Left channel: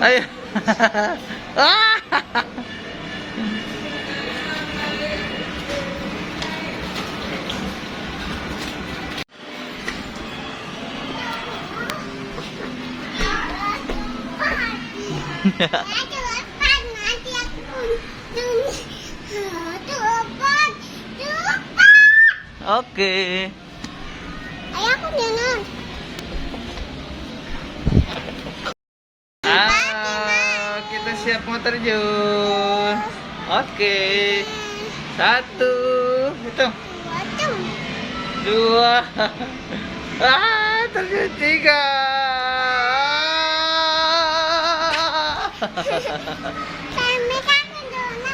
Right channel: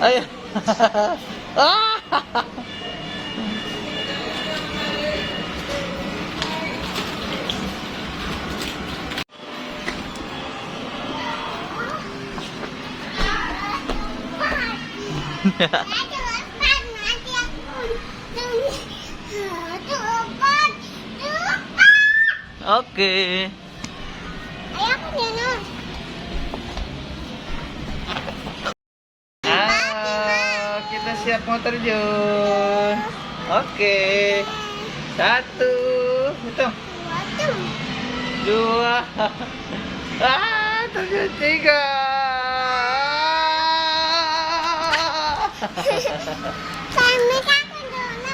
Ayo. Ah. Oke. Ayah aku jangan. Kita siap mau terjun. Oke. 1, hitung. 2. Terjun 3. Kami takut dulu.